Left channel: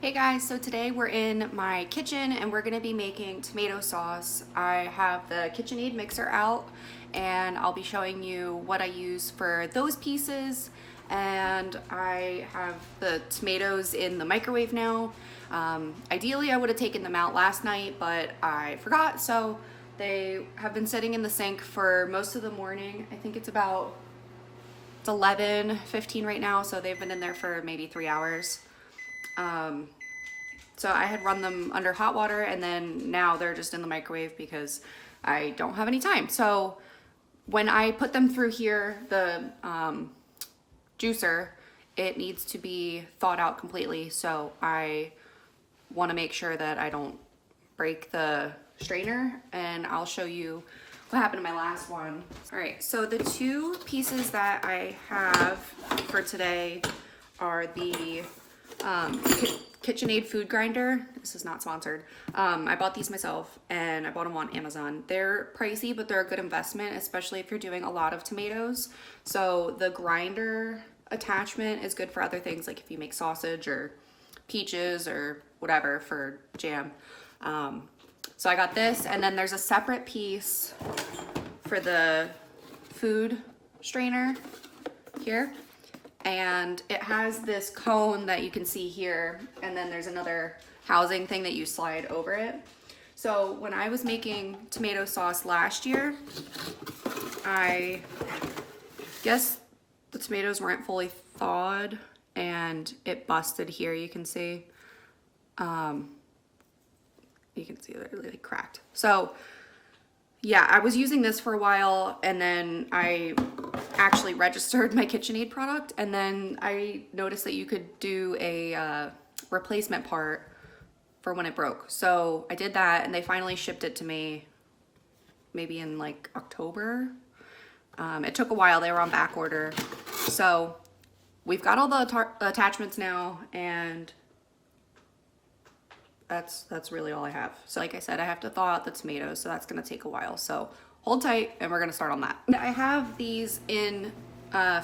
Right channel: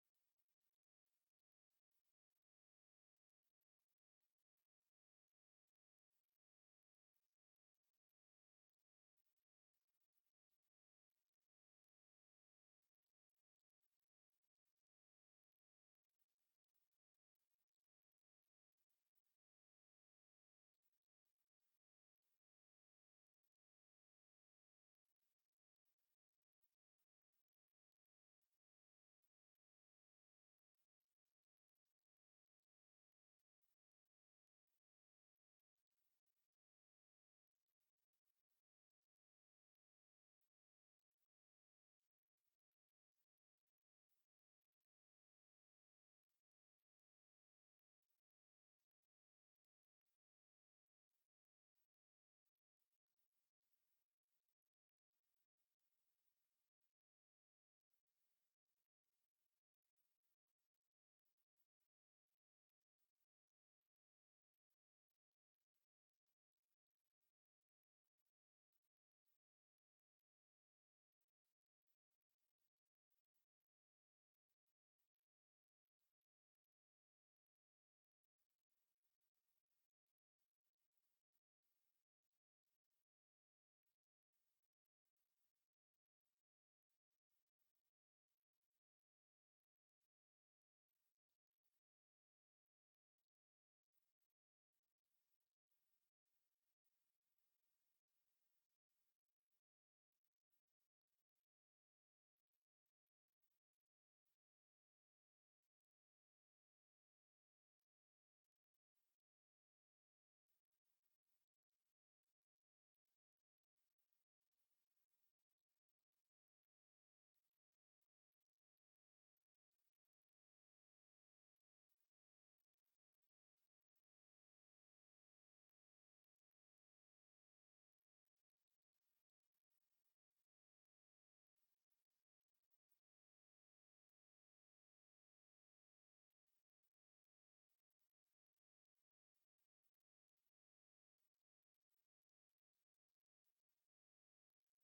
Hey guys, so today we're in my kitchen and we're gonna be making tomato sauce. I have the KitchenAid mixer out and I'll be showing you what I use for those pieces. And I have the tomatoes in the microwave now. Ideally, I would have taken them out last night, but I forgot. So they have been sitting in the sink for most of the morning. I think it's 11:15 right now, so they've been in there for maybe 3 hours. Um, so I had run them under hot water and then now they're just in the microwave because I don't have any time. So when I put them through here, the juicer, it needs to be thawed out completely. So I want to make sure that I don't break the strainer, and I'll show you what happened to my last one. All right, so the two pieces that I have for today are the KitchenAid food grinder. This is not sponsored. I bought these myself and I bought them on Amazon. They're pricey, but they're a good investment, especially if you're doing a lot of tomatoes. So the grinder attachment is good for other things, like if you make sausage or peaches or whatever for jam. So I got this, and then there's a separate piece for the food strainer here. And it has this cone that you can see here, and then there's another housing thing that you slide over it. So when I was making tomato sauce last year, I guess the tomatoes weren't fully thawed and it busted here. You can see they're really cracked. So yeah, I was using this for a while, and then I actually registered my KitchenAid product, and then I noticed that you could do a replacement part for when it broke. So I did that, and they finally shipped it to me maybe in like October. It took a while. They were on back order. So we've got all the attachments now, and that's really all I have. So like I said, I have to thaw out the tomatoes, so that's gonna take a while. So hold tight and we're gonna start on that. I have these in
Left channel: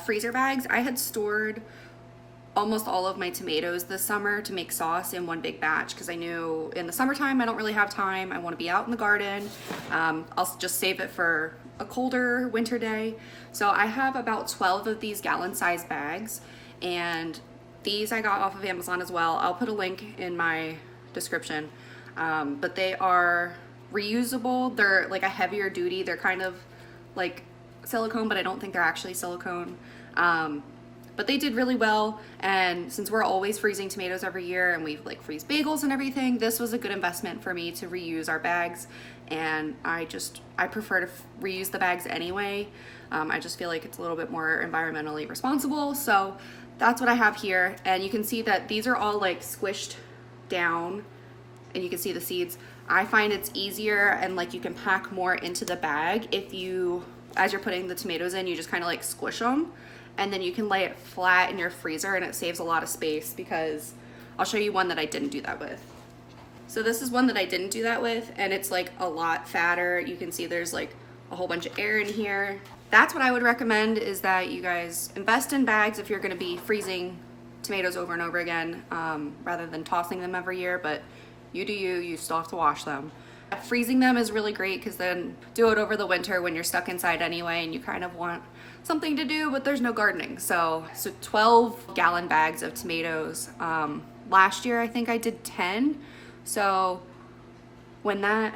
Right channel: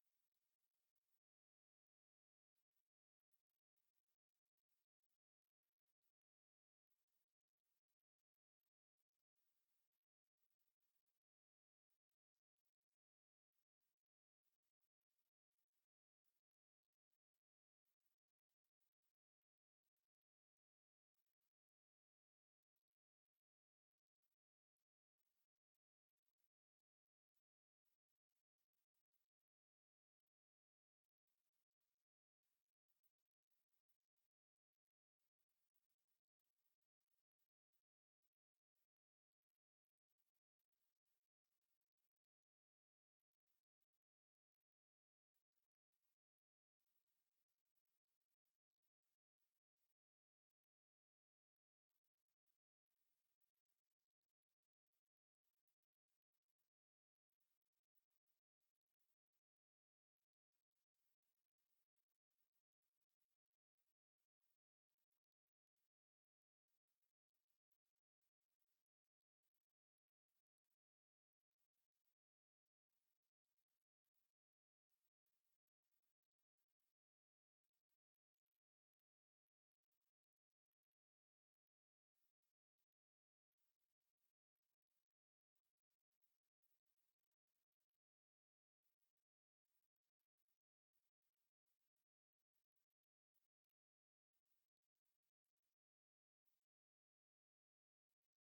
freezer bags. I had stored almost all of my tomatoes this summer to make sauce in one big batch because I knew in the summertime I don't really have time. I want to be out in the garden. I'll just save it for a colder winter day. So I have about 12 of these gallon-sized bags, and these I got off of Amazon as well. I'll put a link in my description, but they are reusable. They're like a heavier duty. They're kind of like silicone, but I don't think they're actually silicone. But they did really well, and since we're always freezing tomatoes every year and we like freeze bagels and everything, this was a good investment for me to reuse our bags. And I prefer to reuse the bags anyway. I just feel like it's a little bit more environmentally responsible. So that's what I have here, and you can see that these are all like squished down, and you can see the seeds. I find it's easier, and like you can pack more into the bag if you, as you're putting the tomatoes in, you just kind of like squish them, and then you can lay it flat in your freezer, and it saves a lot of space. Because I'll show you one that I didn't do that with. So this is one that I didn't do that with, and it's like a lot fatter. You can see there's like a whole bunch of air in here. That's what I would recommend, is that you guys invest in bags if you're going to be freezing tomatoes over and over again, rather than tossing them every year. But you do you still have to wash them. Freezing them is really great because then do it over the winter when you're stuck inside anyway and you kind of want something to do, but there's no gardening. So 12 gallon bags of tomatoes. Last year I think I did 10. So I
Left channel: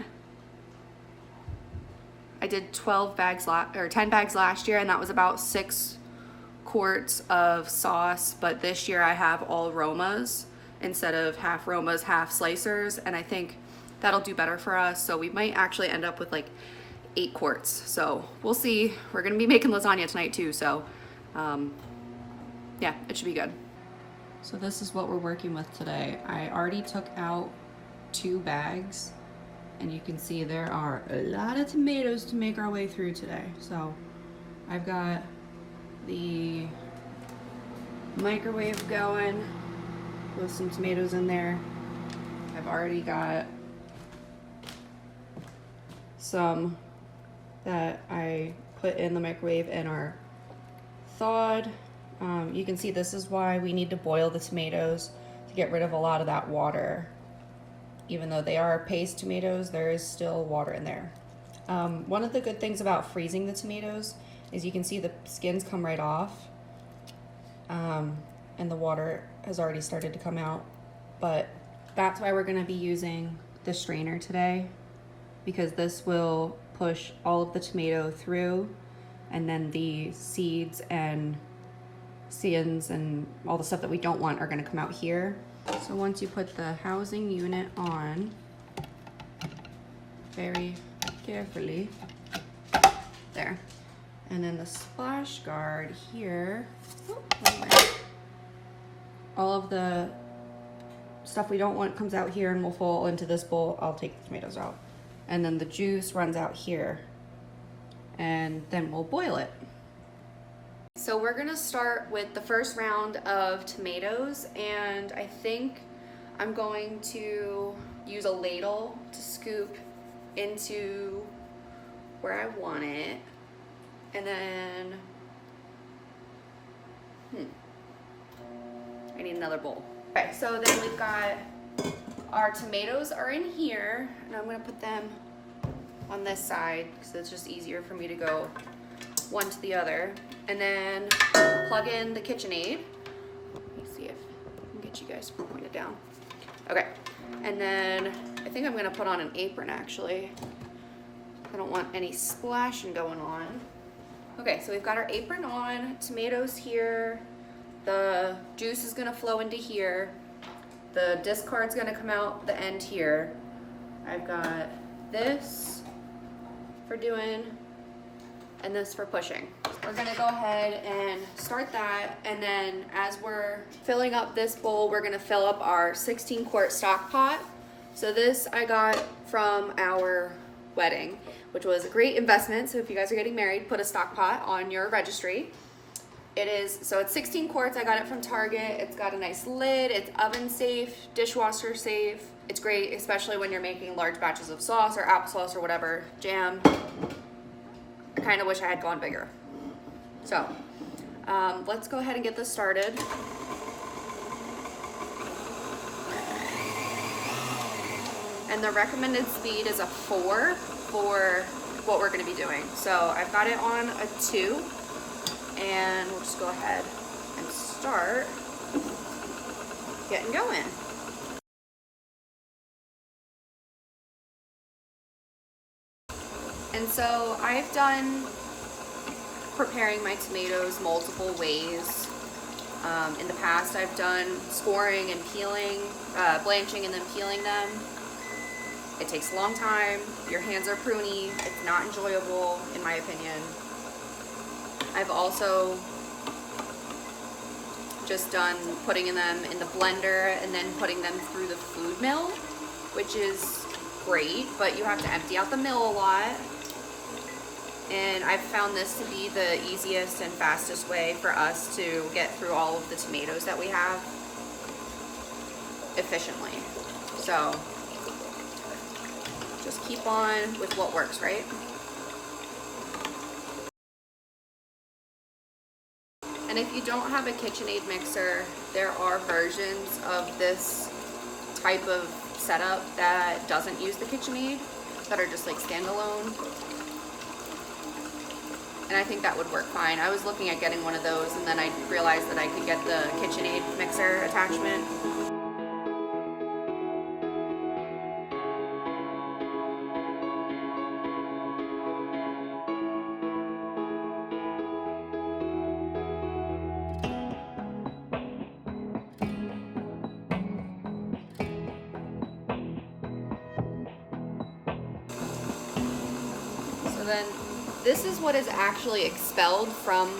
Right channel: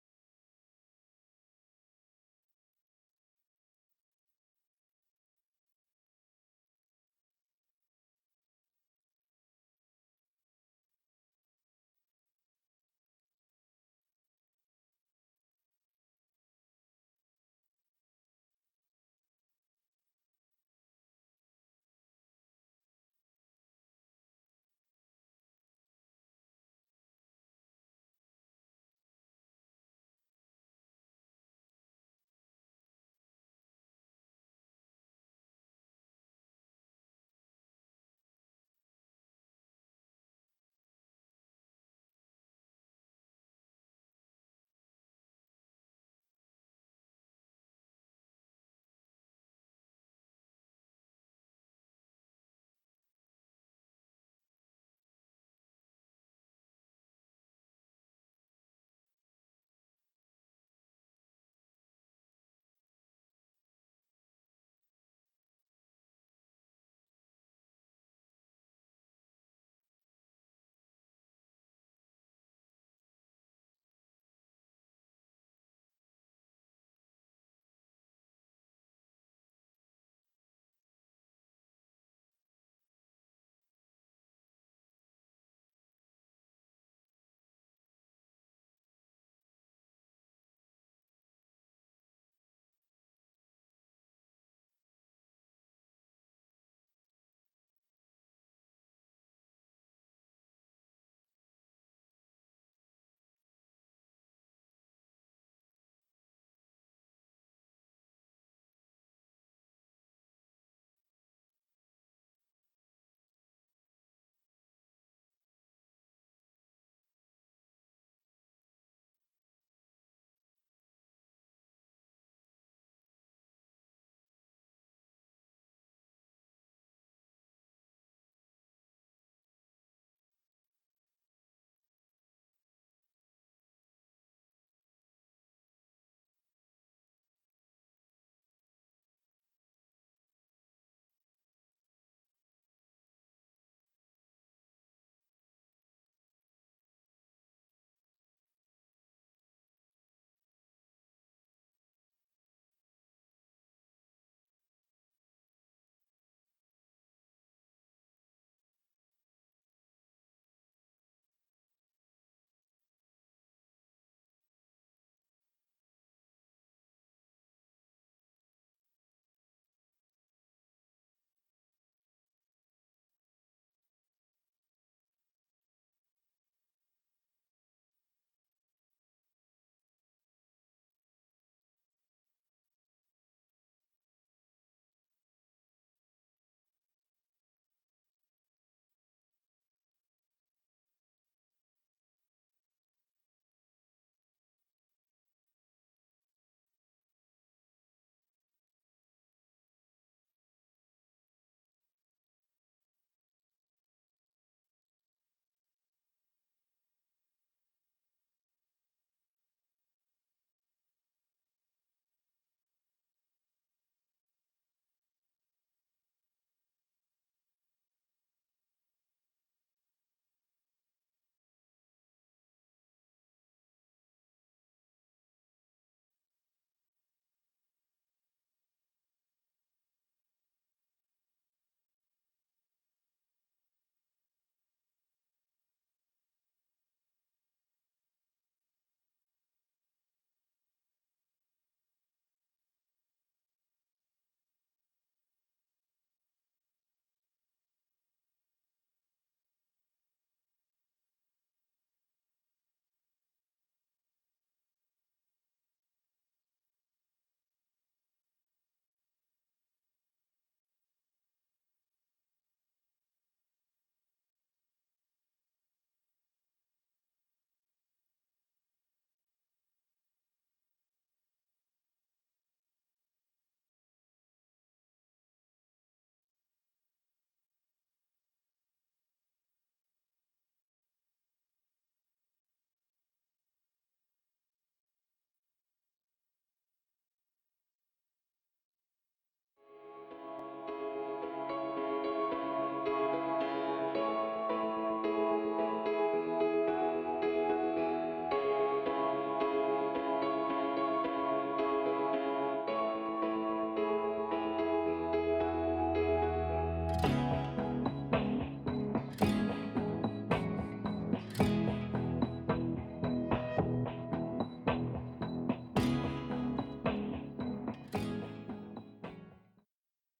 did 12 bags or 10 bags last year, and that was about 6 quarts of sauce. But this year I have all Romas instead of half Romas, half slicers, and I think that'll do better for us. So we might actually end up with like 8 quarts. So we'll see. We're gonna be making lasagna tonight too, so yeah, it should be good. So this is what we're working with today. I already took out 2 bags, and you can see there are a lot of tomatoes to make our way through today. So I've got the microwave going with some tomatoes in there. I've already got some that I put in the microwave and are thawed. You can see this is why we need to boil the tomatoes. to get rid of a lot of that water. Even though they are paste tomatoes, there is still water in there. One of the good things about freezing the tomatoes is you can see the skins come right off, and the water has already started to come out. But that's why we're gonna be using the strainer today, because this will push all of the tomato through, and then the seeds and skins and all the stuff that we don't want are gonna come out here. So once you put the housing unit on, very carefully, there. And then the splash guard here, all of the stuff we don't want comes out here and will fall into this bowl. I'll take the tomatoes out. And then the juice runs out here, and then we'll boil it. So we're gonna start with the first round of tomatoes, and I think I'm going to use a ladle to scoop into where I want it. And then, I need another bowl. Okay, so then we've got our tomatoes are in here, and I'm gonna put them on this side because it's just easier for me to go one to the other. And then plug in the KitchenAid. Let me see if I can get you guys pointed down. Okay, and then I think I'm gonna put on an apron actually. I don't want any splashing going on. Okay, so we've got our apron on, tomatoes here, the juice is gonna flow into here, the discard's gonna come out the end here. I've got this for doing and this for pushing. We're gonna go ahead and start that, and then as we're filling up this bowl, we're gonna fill up our 16-quart stock pot. So this I got from our wedding, which was a great investment. So if you guys are getting married, put a stock pot on your registry. So it's 16 quarts. I got it from Target. It's got a nice lid. It's oven safe, dishwasher safe. It's great, especially when you're making large batches of sauce or applesauce or whatever, jam. I kind of wish I had gone bigger. So let's go ahead and get this started. And the recommended speed is a 4 for what we're gonna be doing. So I've got it on a 2, and we'll just go ahead and start getting going. And so I've done preparing my tomatoes multiple ways. In the past I've done scoring and peeling, blanching and then peeling them. It takes a long time, your hands are pruny, it's not enjoyable in my opinion. I've also just done putting them in the blender and then putting them through the food mill, which is great, but you have to empty out the mill a lot. And I've found this to be the easiest and fastest way for us to get through all of the tomatoes that we have efficiently. So just keep on with what works, right? And if you don't have a KitchenAid mixer, there are versions of this type of setup that doesn't use the KitchenAid, that are just like standalone. And I think that would work fine. I was looking at getting one of those, and then I realized that I could get the KitchenAid mixer attachment. So then this is what is actually expelled from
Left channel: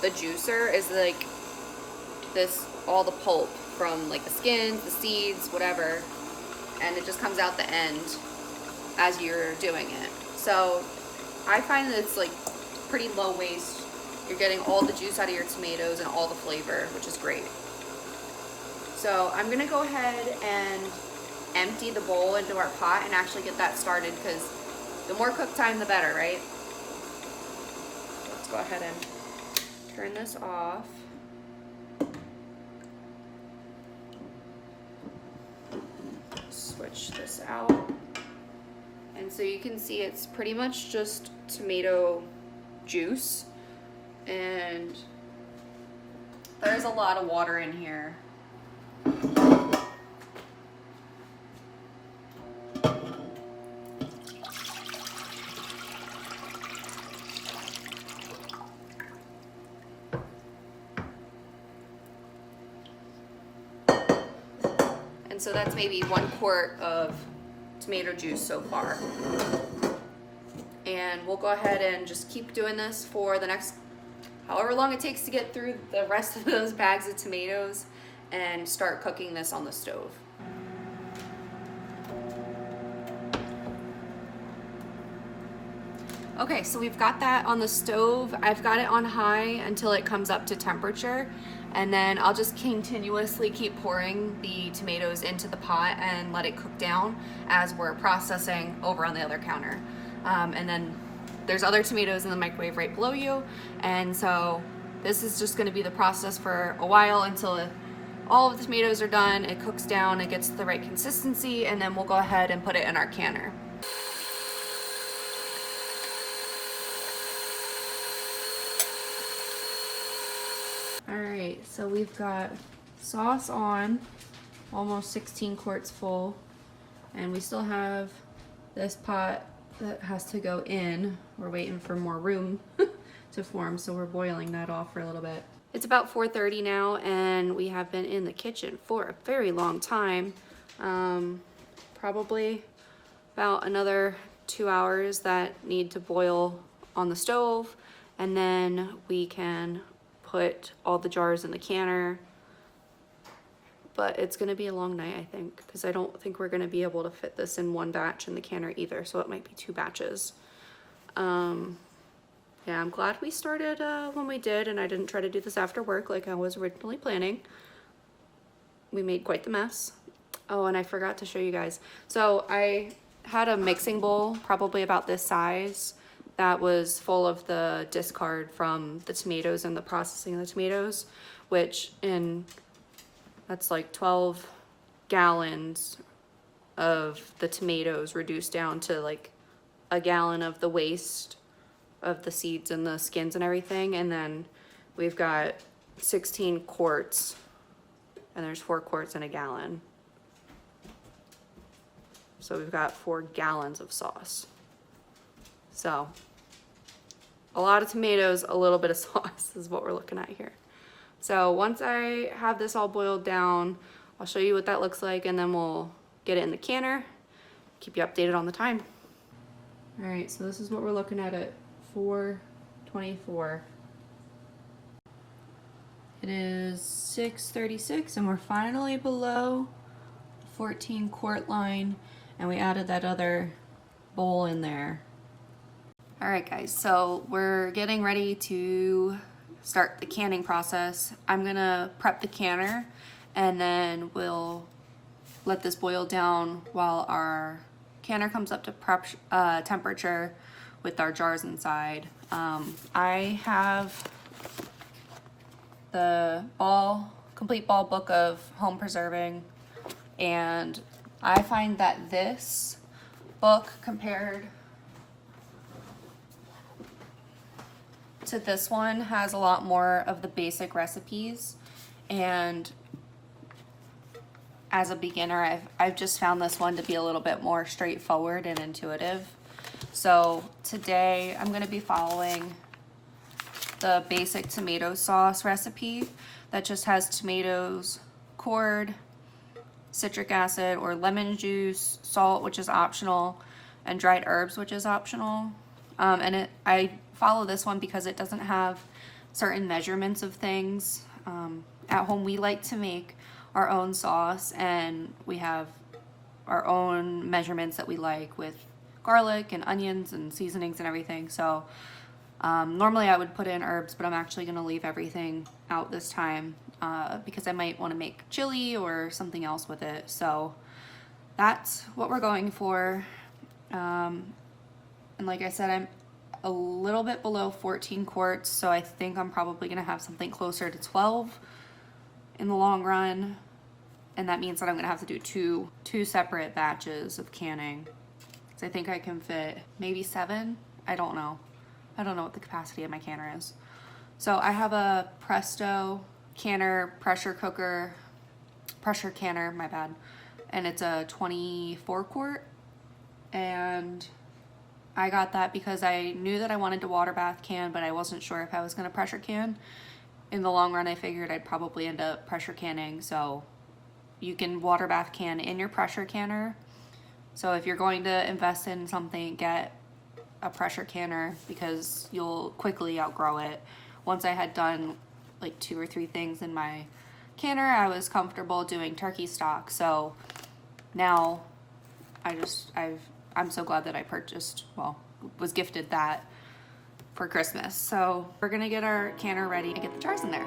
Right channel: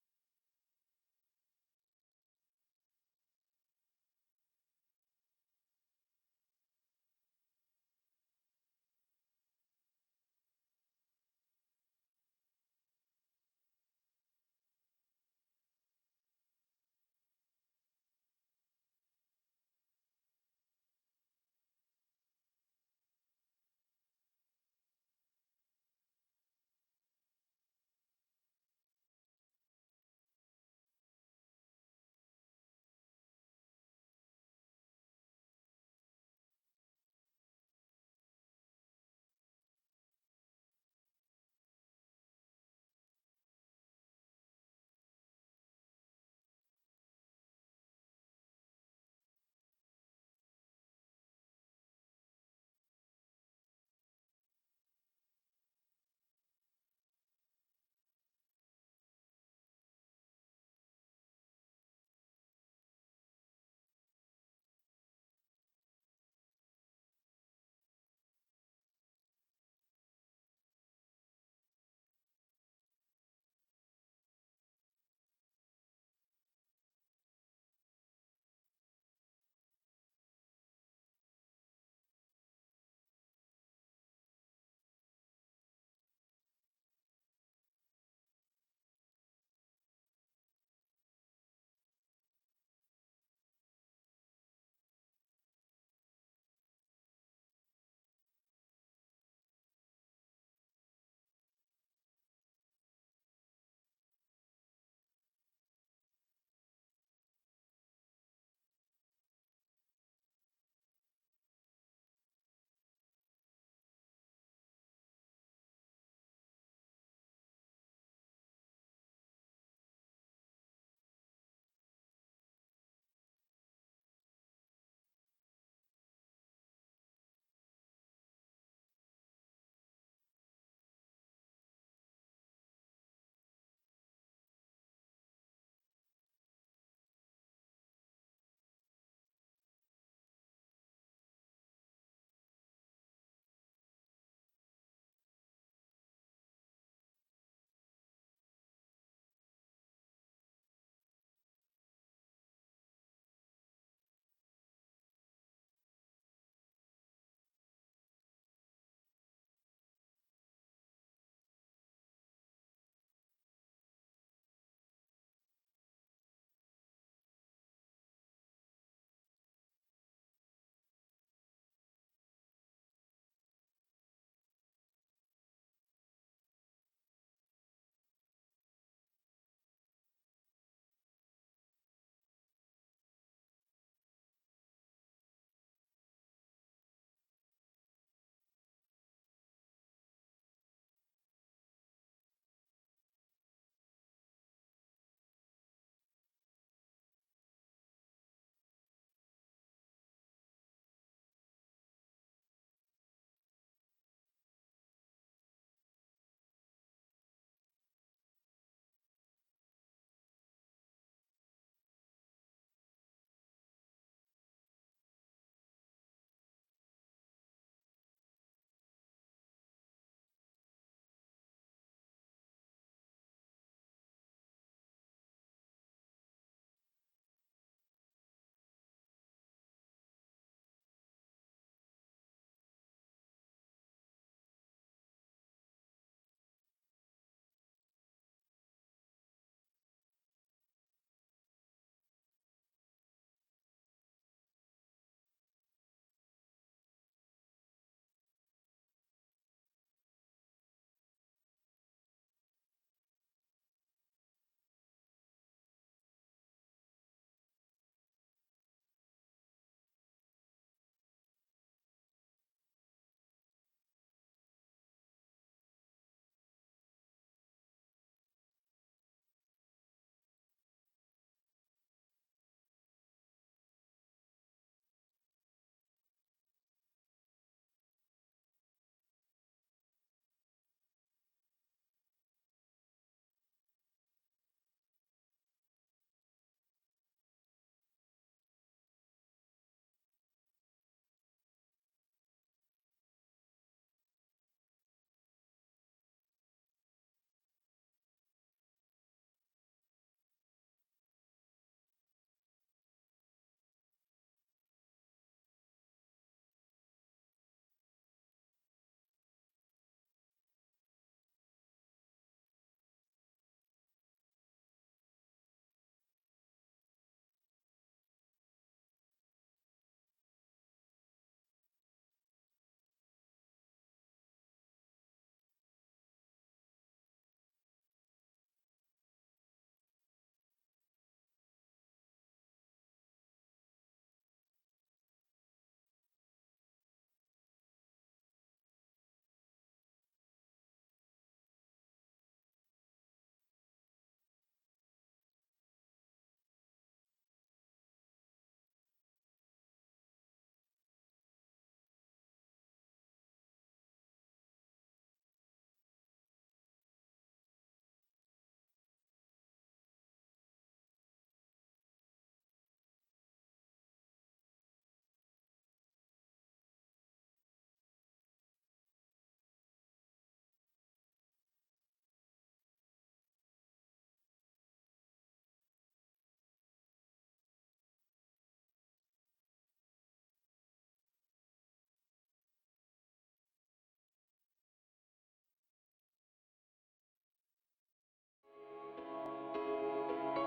the juicer, is like this, all the pulp from like the skins, the seeds, whatever, and it just comes out the end as you're doing it. So I find that it's like pretty low waste. You're getting all the juice out of your tomatoes and all the flavor, which is great. So I'm gonna go ahead and empty the bowl into our pot and actually get that started, because the more cook time the better, right? Let's go ahead and turn this off. switch this out. And so you can see it's pretty much just tomato juice, and there's a lot of water in here. And so that's maybe 1 quart of tomato juice so far. And we'll go ahead and just keep doing this for the next however long it takes to get through the rest of those bags of tomatoes and start cooking this on the stove. Okay, so we've got that on the stove. I've got it on high until it comes up to temperature, and then I'll just continuously keep pouring the tomatoes into the pot and let it cook down as we're processing over on the other counter. And then there's other tomatoes in the microwave right below you, and so this is just going to be the process for a while until all of the tomatoes are done, it cooks down, it gets the right consistency, and then we'll go ahead and put it in our canner. Alright, so we've got sauce on, almost 16 quarts full, and we still have this pot that has to go in. We're waiting for more room to form, so we're boiling that off for a little bit. It's about 4:30 now, and we have been in the kitchen for a very long time. Probably about another 2 hours that need to boil on the stove, and then we can put all the jars in the canner. But it's gonna be a long night, I think, because I don't think we're gonna be able to fit this in one batch in the canner either, so it might be 2 batches. Yeah, I'm glad we started when we did, and I didn't try to do this after work like I was originally planning. We made quite the mess. Oh, and I forgot to show you guys. So I had a mixing bowl, probably about this size, that was full of the discard from the tomatoes and the processing of the tomatoes, which that's like 12 gallons of the tomatoes reduced down to like a gallon of the waste of the seeds and the skins and everything. And then we've got 16 quarts, and there's 4 quarts in a gallon. So we've got 4 gallons of sauce. So a lot of tomatoes, a little bit of sauce is what we're looking at here. So once I have this all boiled down, I'll show you what that looks like, and then we'll get it in the canner, keep you updated on the time. All right, so this is what we're looking at 4:24. It is 6:36, and we're finally below 14 quart line, and we added that other bowl in there. All right, guys, so we're getting ready to start the canning process. I'm gonna prep the canner, and then we'll let this boil down while our canner comes up to prep temperature with our jars inside. I have the complete ball book of home preserving, and I find that this book compared to this one has a lot more of the basic recipes, and as a beginner I've just found this one to be a little bit more straightforward and intuitive. So today I'm going to be following the basic tomato sauce recipe that just has tomatoes, cored, citric acid or lemon juice, salt, which is optional, and dried herbs, which is optional. I follow this one because it doesn't have certain measurements of things. At home we like to make our own sauce, and we have our own measurements that we like with garlic and onions and seasonings and everything. So normally I would put in herbs, but I'm actually going to leave everything out this time because I might want to make chili or something else with it. So that's what we're going for. And like I said, I'm a little bit below 14 quarts, so I think I'm probably going to have something closer to 12 in the long run. and that means that I'm gonna have to do two separate batches of canning. So I think I can fit maybe 7. I don't know what the capacity of my canner is. So I have a Presto canner pressure canner, my bad, and it's a 24 quart, and I got that because I knew that I wanted to water bath can, but I wasn't sure if I was gonna pressure can. In the long run, I figured I'd probably end up pressure canning, so you can water bath can in your pressure canner. So if you're going to invest in something, get a pressure canner because you'll quickly outgrow it. Once I had done like 2 or 3 things in my canner, I was comfortable doing turkey stock. So now I'm so glad that I was gifted that for Christmas. So we're gonna get our canner ready and get the jars in there.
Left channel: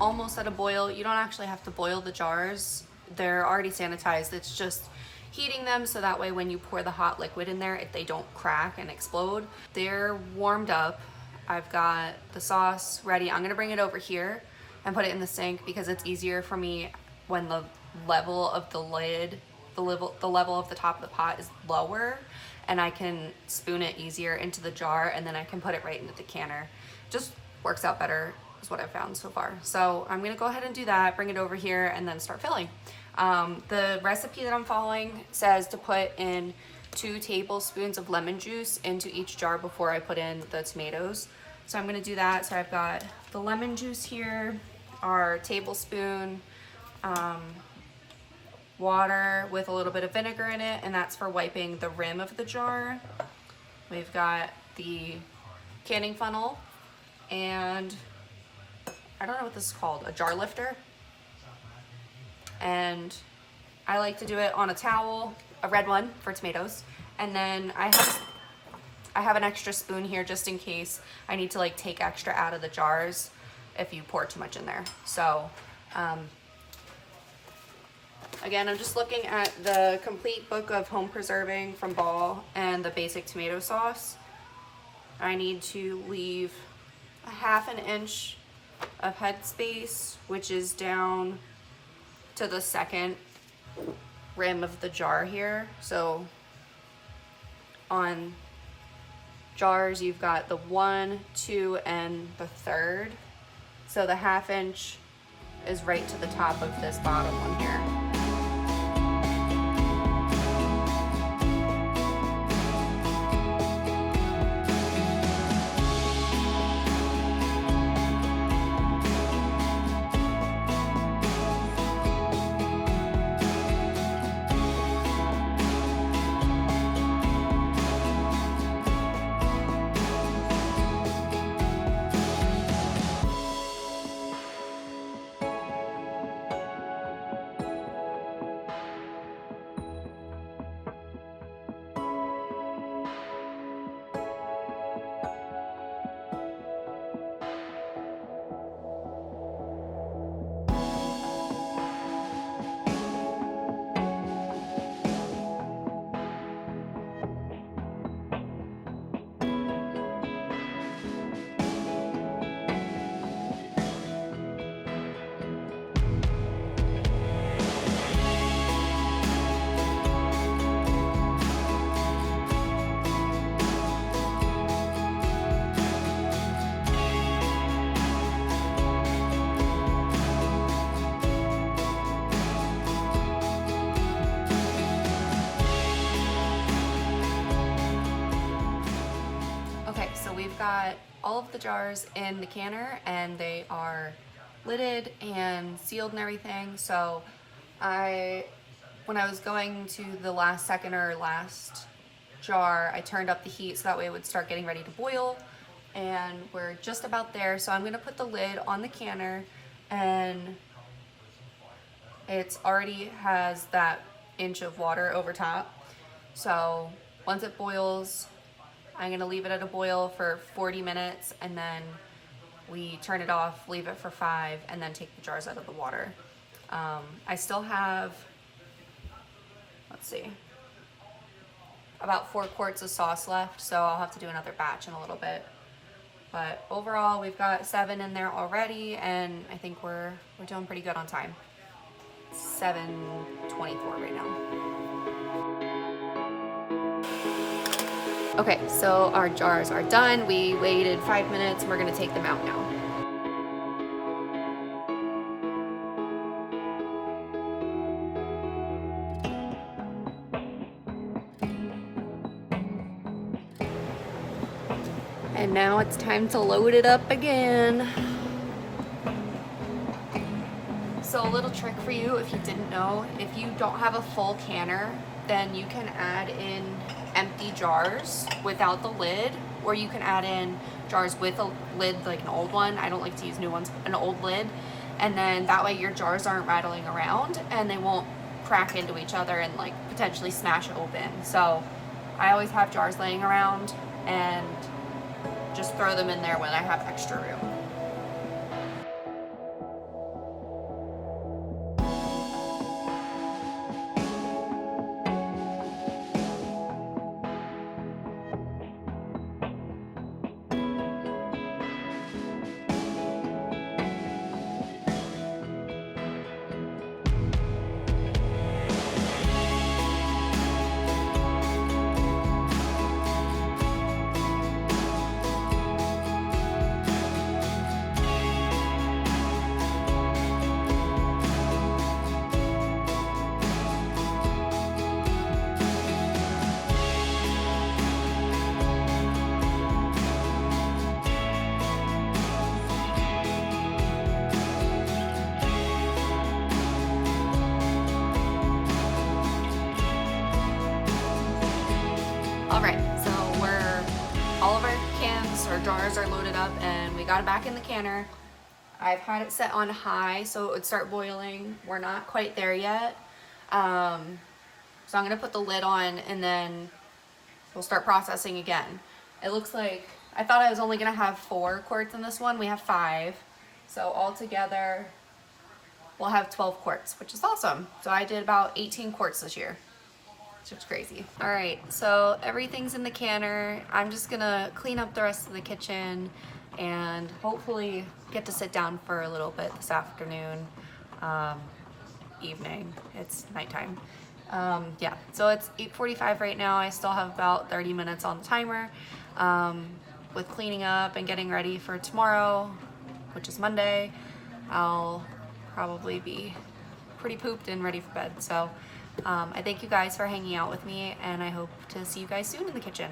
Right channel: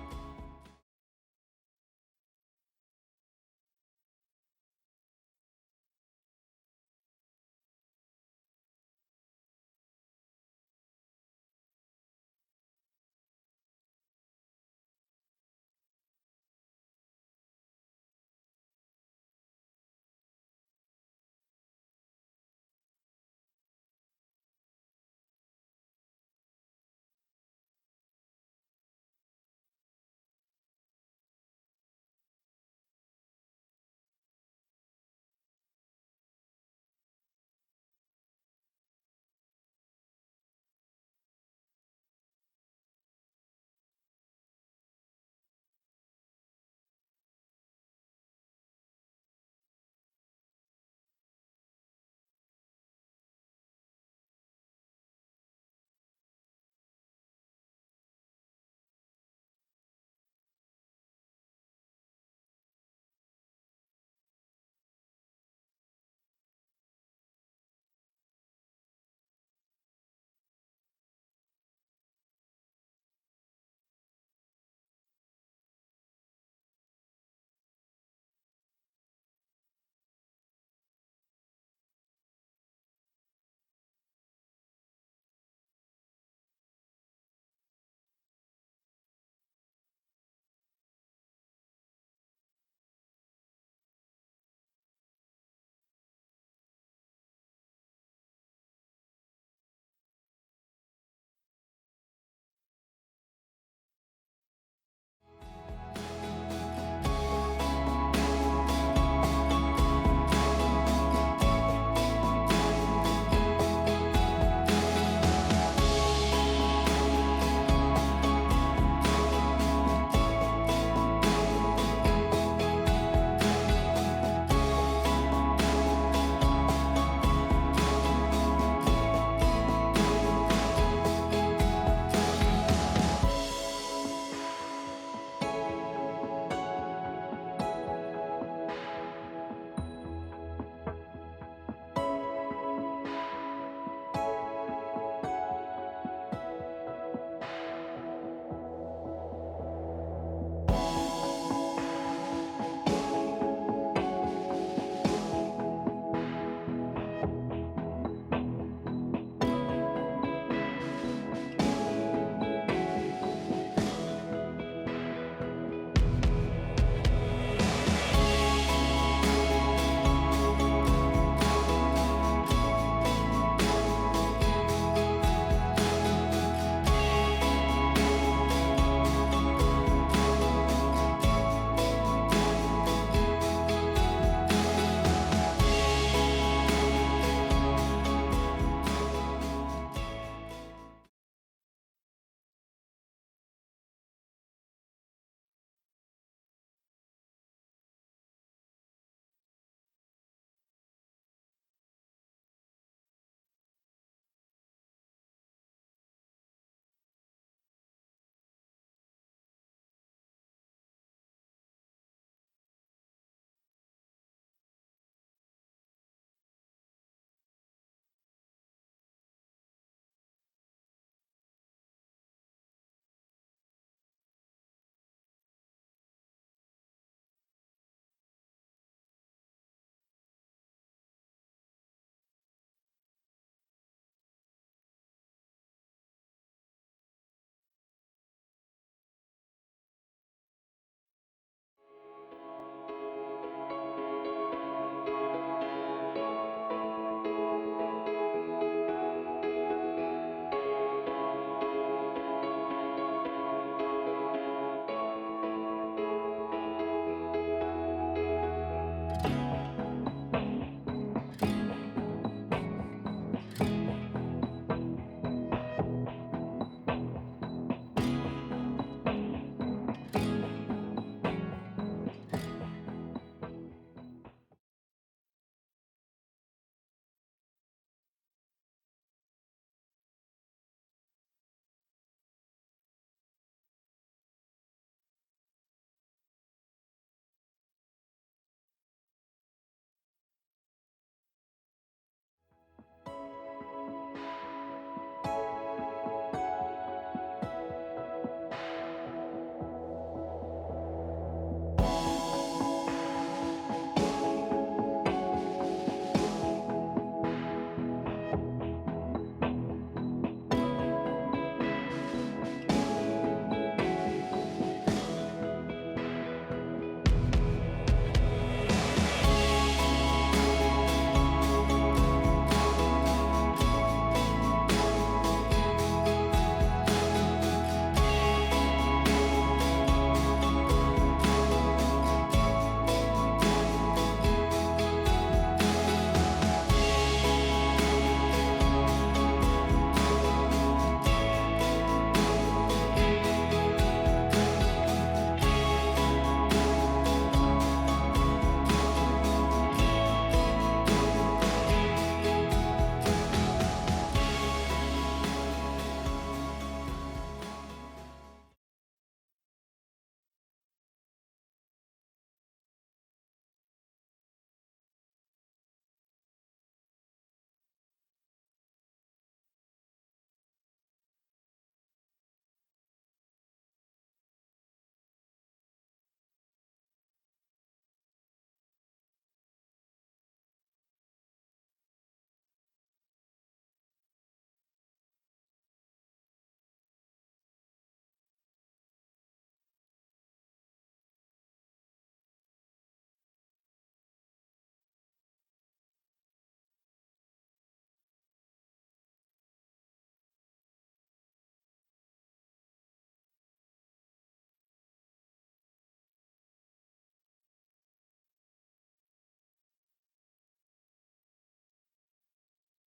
Almost at a boil. You don't actually have to boil the jars. They're already sanitized. It's just heating them so that way when you pour the hot liquid in there, they don't crack and explode. They're warmed up. I've got the sauce ready. I'm gonna bring it over here and put it in the sink because it's easier for me when the level of the lid, the level of the top of the pot is lower, and I can spoon it easier into the jar, and then I can put it right into the canner. Just works out better is what I've found so far. So I'm gonna go ahead and do that, bring it over here, and then start filling. The recipe that I'm following says to put in 2 tablespoons of lemon juice into each jar before I put in the tomatoes. So I'm gonna do that. So I've got the lemon juice here, our tablespoon, water with a little bit of vinegar in it, and that's for wiping the rim of the jar. We've got the canning funnel, and I don't know what this is called, a jar lifter. And I like to do it on a towel, a red one for tomatoes. And then I have an extra spoon here just in case I need to like take extra out of the jars if you pour too much in there. So again, I'm just looking at the complete book of home preserving from Ball and the basic tomato sauce. I need to leave a 1/2 inch of headspace, which is down to the second rim of the jar here. So on jars, you've got the 1, 2, and the 3rd. So the 1/2 inch is right to the top of this bottom one here. all of the jars in the canner and they are lidded and sealed and everything. So when I was going to the last second or last jar, I turned up the heat so that way it would start getting ready to boil, and we're just about there. So I'm gonna put the lid on the canner, and it already has that inch of water over top. So once it boils, I'm gonna leave it at a boil for 40 minutes, and then we turn it off, leave it for 5, and then take the jars out of the water. I still have, let's see, about 4 quarts of sauce left, so I'll have to do another batch in a little bit. But overall, we've got 7 in there already, and I think we're doing pretty good on time. 7:24 right now. Okay, so our jars are done. We waited 5 minutes, and we're gonna take them out now. And now it's time to load it up again. So a little trick for you, if you didn't know, if you don't have a full canner, then you can add in empty jars without the lid, or you can add in jars with a lid, like an old one. I don't like to use new ones, an old lid. And then that way your jars aren't rattling around and they won't crack into each other and like potentially smash open. So I always have jars laying around and just throw them in there when I have extra room. Got it back in the canner. I've had it set on high so it would start boiling. We're not quite there yet. So I'm gonna put the lid on and then we'll start processing again. It looks like, I thought I was only gonna have 4 quarts in this one. We have 5. So altogether, we'll have 12 quarts, which is awesome. So I did about 18 quarts this year, which is crazy. All right, so everything's in the canner. I'm just gonna clean up the rest of the kitchen and hopefully get to sit down for a little bit this afternoon, evening. It's nighttime. Yeah, so it's 8:45 right now. I still have about 30 minutes on the timer with cleaning up and getting ready for tomorrow, which is Monday. I'll probably be pretty pooped and ready for bed. So I thank you guys for hanging out with me, and I hope to see you guys soon in the kitchen.